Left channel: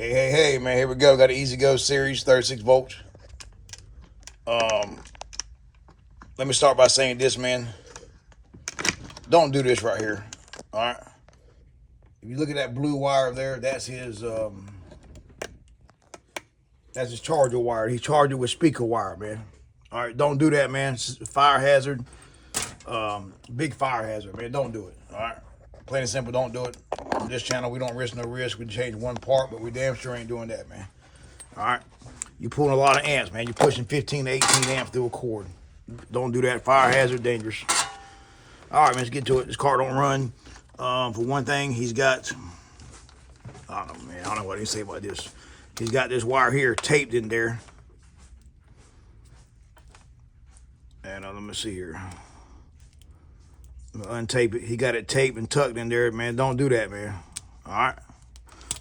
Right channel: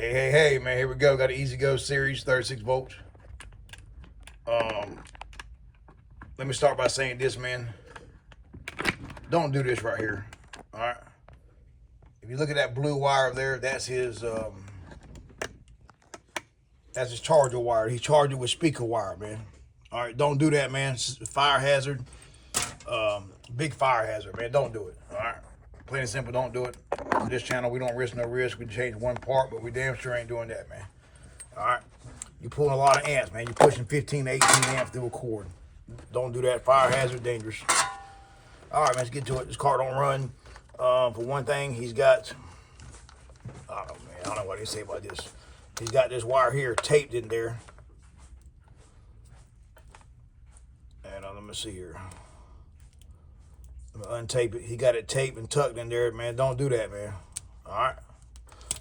Hey, man, here we go. Got an Ezgo series, 36 volts. Let me start by saying this, man. Don't do this right here, all right? If you look at that blue wire there, that's his charger wire. He charged it with speaker wire, man. All right, don't do that, man. It's a fire hazard, big fire hazard, man. Don't do it, all right? Plain and simple, don't do it. On this channel, we don't risk no risk. We change one part, but we damn sure ain't doing that, man. All right? You're pulling a lot of amps, man. You're pushing 15 to 18 amps through a cord. Don't do that. Fire hazard, dangerous. All right, man, let's get to it. This car don't run. For one thing, he's got, oh, man, I don't know what they say about this. He's got this wire here taped in there. And let me see here. Untape it. He got it taped and tucked in there, man. Don't do that, man. All right?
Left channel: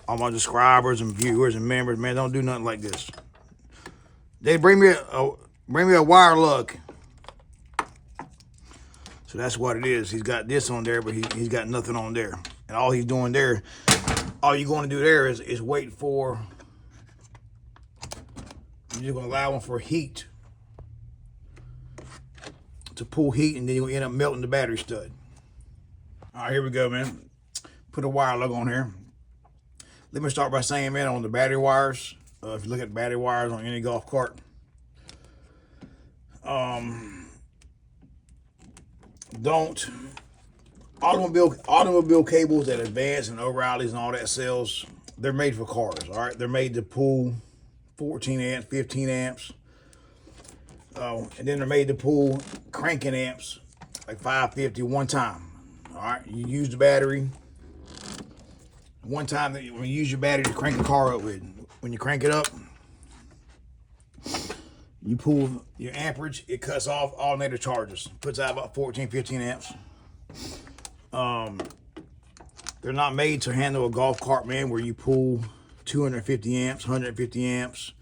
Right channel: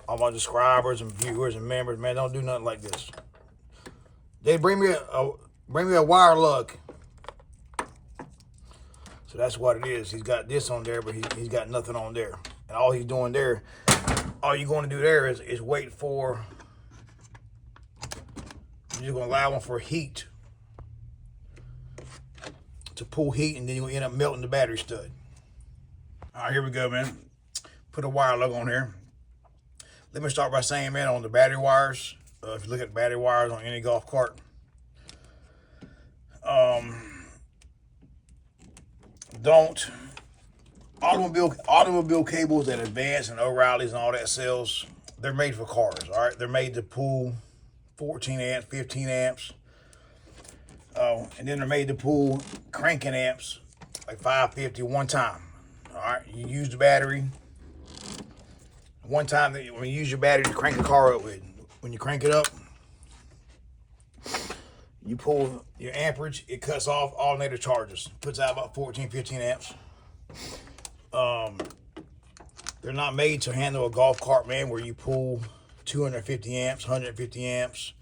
All my subscribers and viewers and members, man, don't do nothing like this. They bring me a wire lug. So that's what it is. He's got this on there, but he's got nothing on there. And all he's doing there, all you're going to do there is wait for, you're just going to allow him for heat, to pull heat, and then you're going to end up melting the battery stud. All right, here we go, man. Put a wire lug on here. Let me start by saying, man, on the battery wires, if you look at battery wires on any golf cart, automobile cables that Advance and O'Reilly's and all that sells, they're made for cars, all right? They're made to pull 14 amps, 15 amps. And then they're made to pull cranking amps, like 550 one time, all right? You use the battery one time. When you use your battery to crank the car up with, when you crank it up, you pull your amperage, it cuts off alternator charges, puts out about 14, 15 amps. They're not made to handle a golf cart, man, where you pull 250 amps, 150 amps.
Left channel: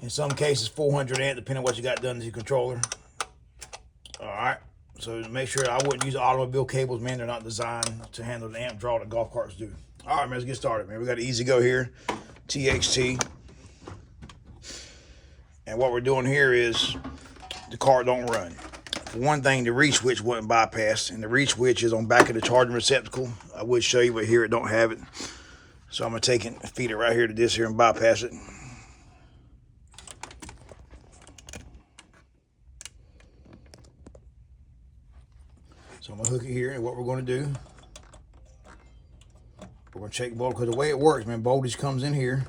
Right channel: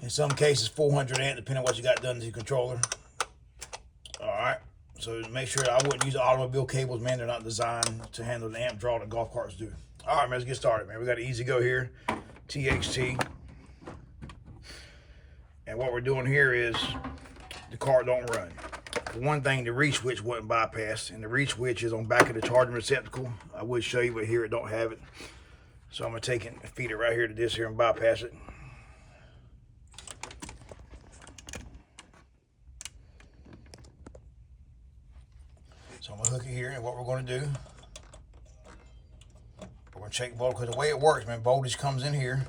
In some cases, 400 amp, depending on what you got done to your controller. All right. So make sure I wouldn't use automobile cables, man. They're not designed to handle the amp draw that golf carts do. All right, man, let's get started, man. We got an Ezgo here, TXT. And what we're doing here is the car don't run. For one thing, the reed switch wasn't bypassed, and the reed switch is on back of the charging receptacle. I would show you, but here it don't have it. So I'm gonna take it, feed it right here to this here and bypass it. So I'm gonna hook it here, and what we're gonna do, we're gonna check voltage, because the way it works, man, voltage comes in here.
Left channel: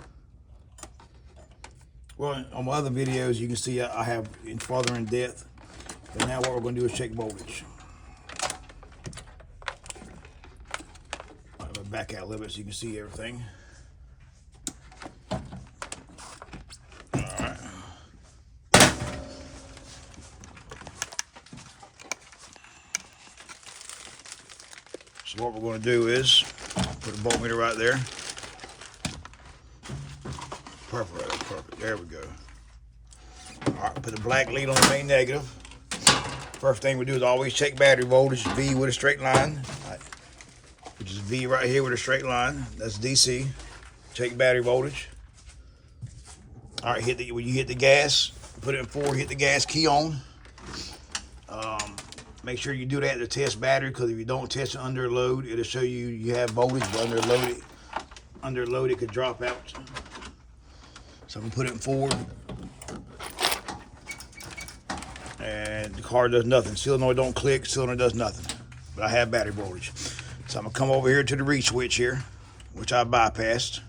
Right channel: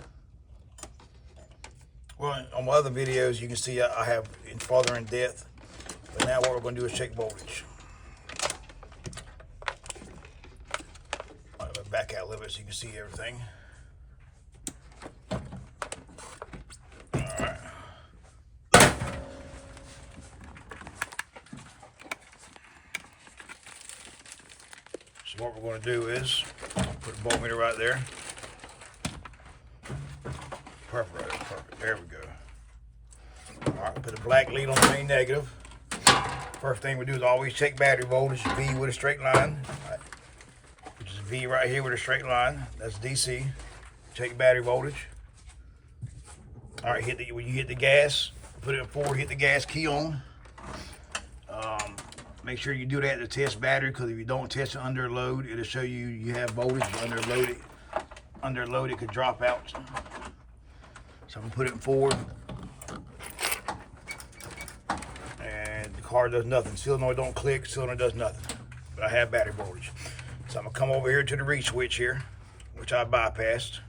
Well, on my other videos, you can see I have it farther in depth. And now what we're gonna do is check voltage. I'm gonna back out a little bit so you can see everything. So what we're going to do is put the voltmeter right there. Perfect. There we go. All right, put a black lead on the main negative. First thing we do is always check battery voltage, V with a straight line. Which is V right here with a straight line. That's DC. Check battery voltage. All right, when you hit the gas, put it in forward, hit the gas key on. Make sure you do that to test battery, because if you don't test it under load, it'll show you have voltage, but under load it could drop out. So I'm gonna put it in forward. And the car does nothing. Solenoid don't click, cylinder does nothing. But I have battery voltage. So I'm gonna come over here to the reed switch here, which I bypassed.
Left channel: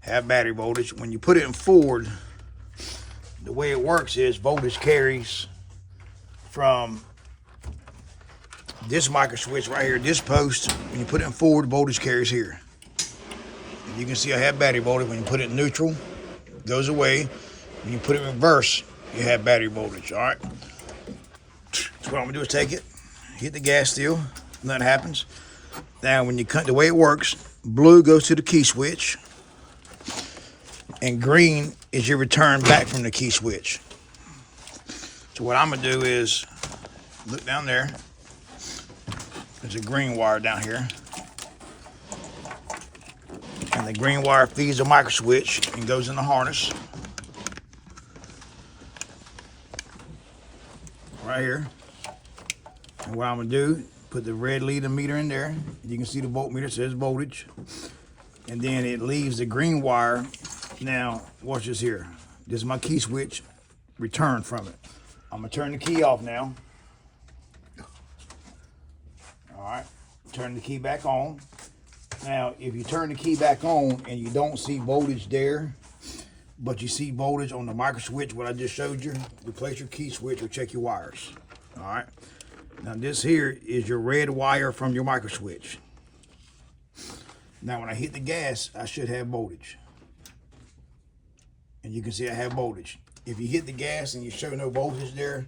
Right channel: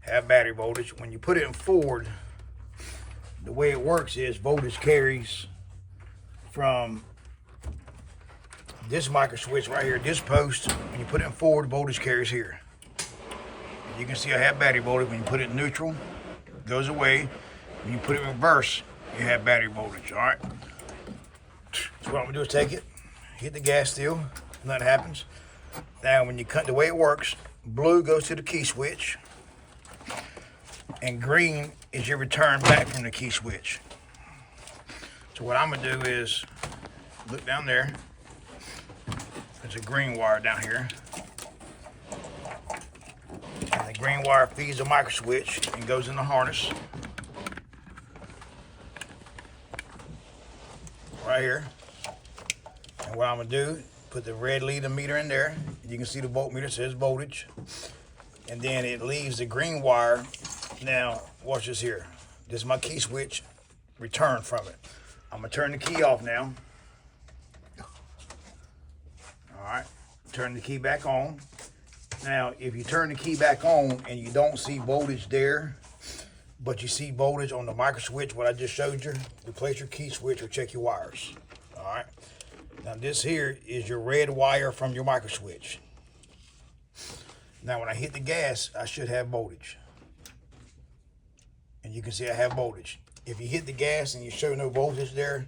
Have battery voltage. When you put it in forward, the way it works is voltage carries from this micro switch right here, this post. When you put it in forward, voltage carries here. You can see I have battery voltage. When you put it in neutral, it goes away. When you put it in reverse, you have battery voltage. All right. So what I'm gonna do is take it, hit the gas still, nothing happens. Now when you cut, the way it works, blue goes to the key switch, and green is your return back from the key switch. So what I'm gonna do is look down there. There's a green wire down here. And the green wire feeds the micro switch and goes in the harness. Right here. And what I'm gonna do, put the red leader meter in there. You can see the voltmeter says voltage. And then it leaves the green wire. Now, watch this here. This is my key switch, return from it. I'm gonna turn the key off now. All right, turn the key back on. Now, if you turn the key back on and you don't see voltage there, but you see voltage on the micro switch, what I just showed you, replace your key switch or check your wires. All right. Now this here is your red wire from your micro switch. Now when I hit the gas, I should have voltage. And you can see I have voltage. If you hit the gas and you show no voltage there,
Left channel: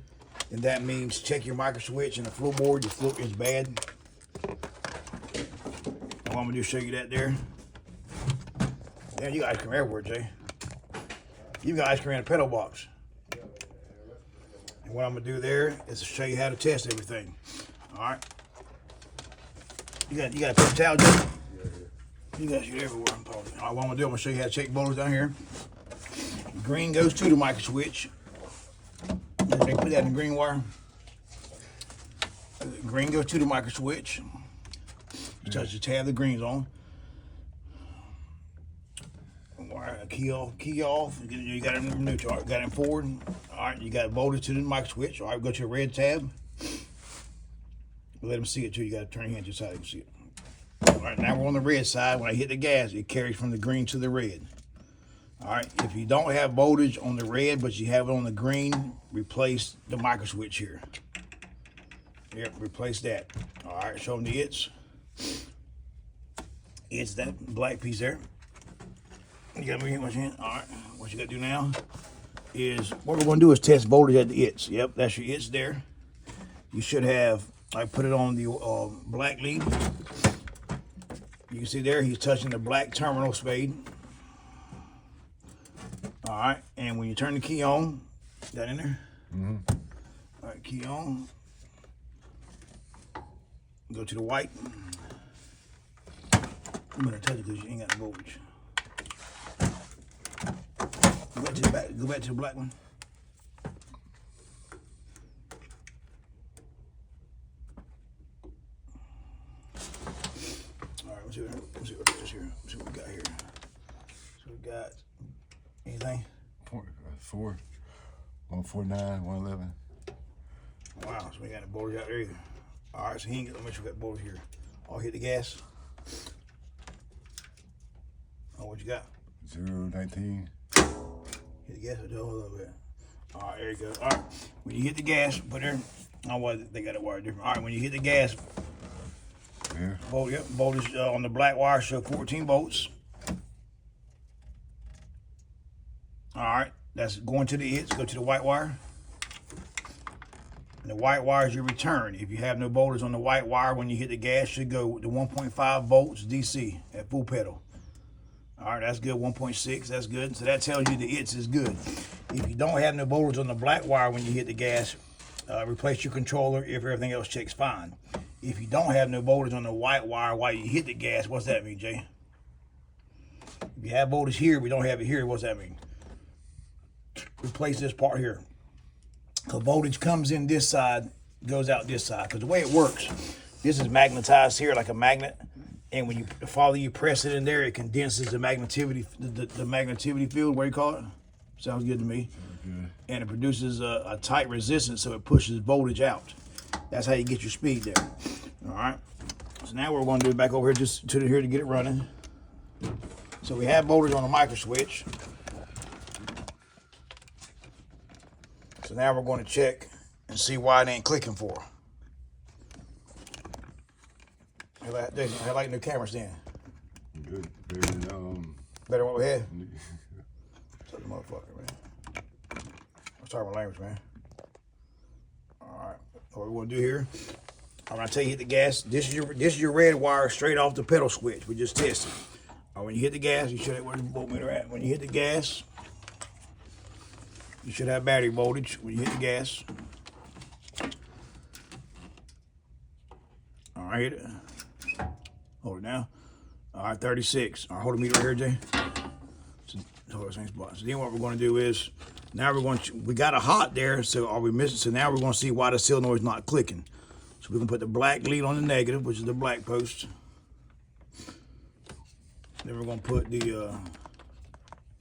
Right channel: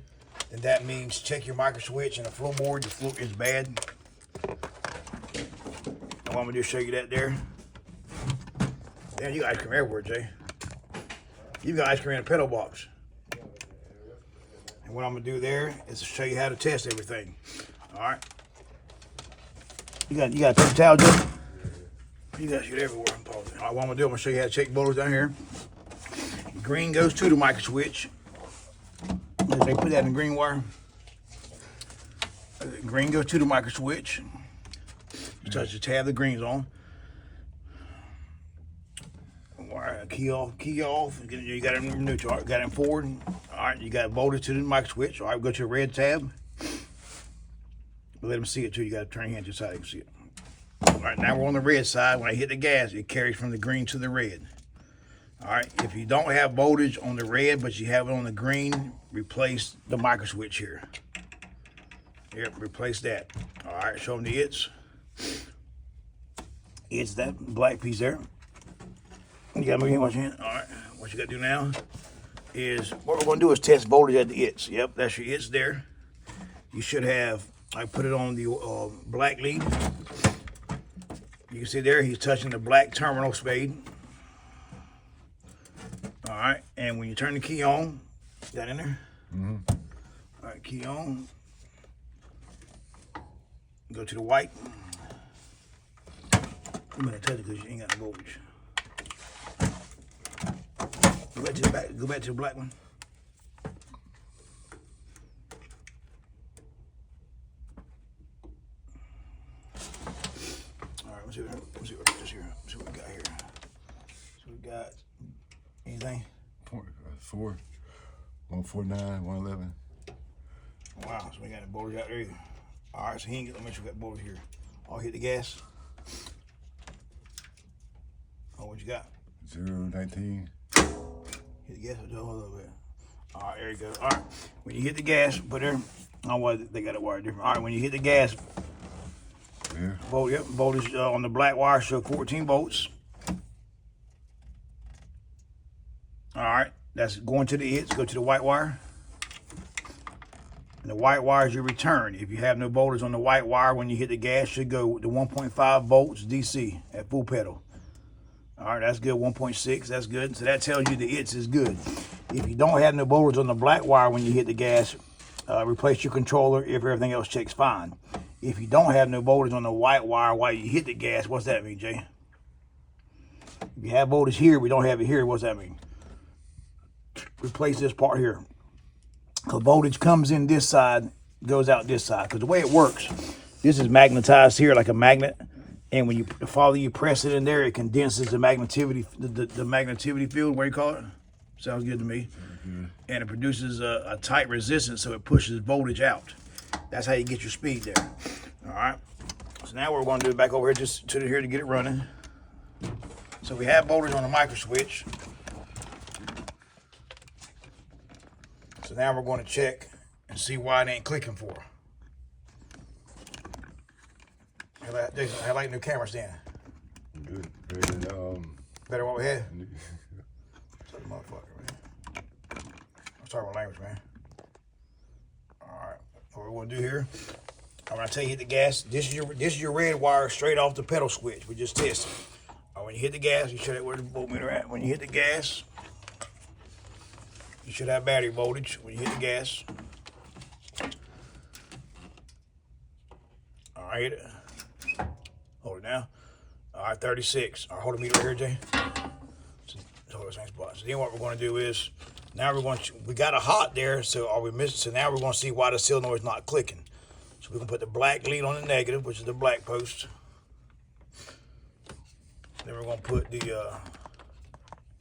then that means check your micro switch and the floorboard, your floor is bad. And I'm gonna just show you that there. Damn, you got ice cream everywhere, Jay. You got ice cream in a pedal box. And what I'm gonna do there is to show you how to test everything. All right. You got a towel, Jay? You got shit everywhere. All right, what I'm gonna do, I'm gonna show you how to check voltage down here. Green goes to the micro switch. They put that in the green wire. Green goes to the micro switch. You touch the tab, the green's on. Wire, key off. You got it in neutral. All right, got it in forward. All right, you got voltage to the micro switch. All right, go to the red tab. Let them see it too. You got to turn your hand to the side, you can see it. All right, now we're on the red side. When I hit the gas, it carries from the green to the red. All right, if you don't have voltage on the red, but you have it on the green, replace the micro switch here. Yep, replace that. All right, show them the it's. It's that black piece there. You gotta move your hand. All right, what you gotta do now is, what we're gonna do is test voltage at the it's. Yep, that's your it's there. You should have, I put it on the black lead. You can see there, he's touching the black terminal spade. All right, and when you turn the key on, that in there? Mm-hmm. All right, key on. Go to the white. I'm gonna touch it because you ain't got no voltage. Go back to the back. Go back to the black one. All right, let's see what we got here. So we got anything? 4, 149, 111. Wow, so we got the voltage out there either. All right, so he ain't gonna make sure we got voltage here. I'll hit the gas. Oh, what you got? 019. Hit the gas. Hold a little bit. All right, there you go. All right, when you hit the gas, put there. Oh, well, they got it wired different. All right, when you hit the gas, yeah. Voltage on the black wire show 14 volts. All right, that's going to the it's. Go to the white wire. And the white wire is your return. If you have no voltage on the white wire, when you hit the gas, should go to 1.5 volts DC at full pedal. All right, that's good. 1.6, that's good. So that tells you the it's is good. If you don't have no voltage on the black wire when you hit the gas, replace your controller if everything else checks fine. If you don't have no voltage on the white wire while you hit the gas, what's that mean, Jay? If you have voltage here, we don't have it here, what's that mean? Replace this part here. Because voltage comes in this side, goes out this side. Because the way it works, this is magnetized here like a magnet. And when you press it in there, it condenses the magnetivity, the magnetivity field, what do you call it? Sounds good to me. Mm-hmm. And it produces a tight resistance, so it pushes voltage out. That's how you get your speed there. All right. So now we're going to do it back over here just to here to get it running. So we have voltage on the micro switch. So now we're going to check and see why it ain't clicking for. I like new camera stand. Good. Better than better than what we had. Such a motherfucker, man. I'm sorry my language, man. All right. What we're gonna do here, I'm gonna tell you hit the gas. This is your red wire straight off the pedal switch. We just tested. When you hit the gas, you should have where the voltmeter at. When you hit the gas, you should have battery voltage when you hit the gas. All right. Hold it now. All right, 36. All right, hold the meter right here, Jay. Hold the same spot. So then what we're going to do is, now we're going to, we got a hot there, so are we missing? So now we're going to see why the solenoid is not clicking. So we can put the black lead on the negative, which is the black post. Then we're going to put the,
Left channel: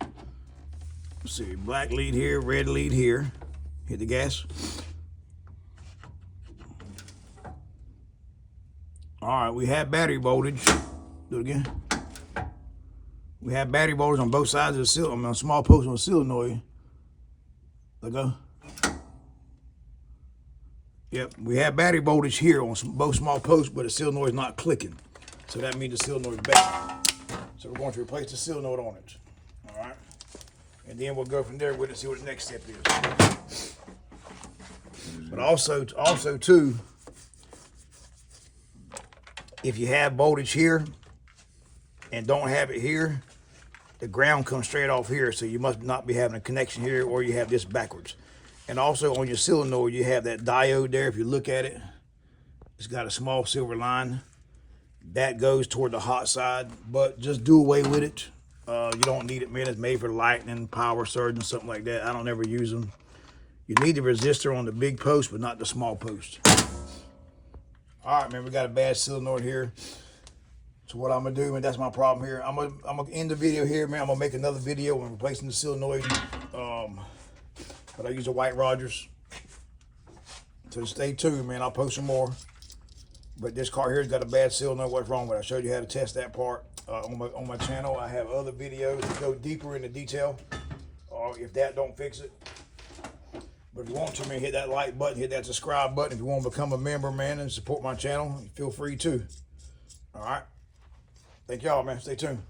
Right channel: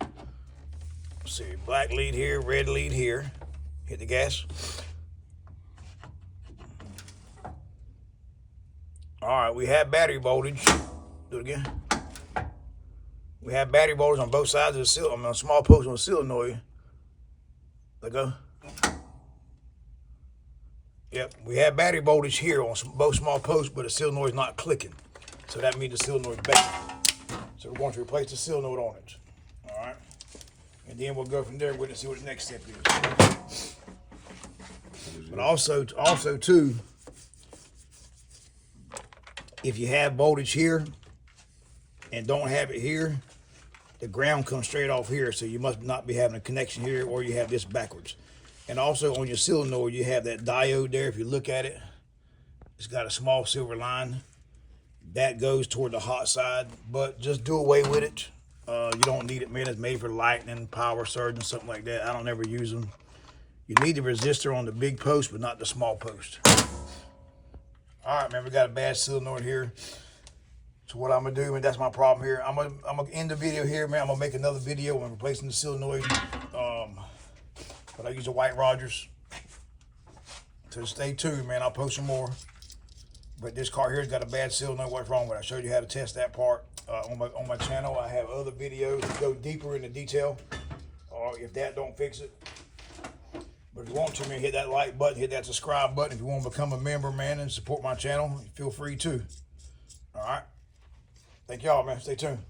let's see, black lead here, red lead here. Hit the gas. All right, we have battery voltage. Do it again. We have battery voltage on both sides of the solenoid, on a small post on the solenoid. Let go. Yep, we have battery voltage here on both small posts, but the solenoid is not clicking. So that means the solenoid is bad. So we're going to replace the solenoid on it. All right. And then we'll go from there with it and see what the next step is. But also too, if you have voltage here and don't have it here, the ground comes straight off here, so you must not be having a connection here, or you have this backwards. And also on your solenoid, you have that diode there. If you look at it, it's got a small silver line. That goes toward the hot side, but just do away with it. You don't need it, man. It's made for lightning, power surge, and something like that. I don't ever use them. You need the resistor on the big post, but not the small post. All right, man, we got a bad solenoid here. So what I'm gonna do, man, that's my problem here. I'm gonna end the video here, man. I'm gonna make another video when replacing the solenoid. But I use a White Rogers. So stay tuned, man. I'll post some more. But this car here's got a bad solenoid. What's wrong with it? I showed you how to test that part on my channel. I have other videos that go deeper into detail. If that don't fix it. But if you want to, man, hit that like button, hit that subscribe button. If you want to become a member, man, and support my channel, feel free to. All right. Thank y'all, man. Stay tuned.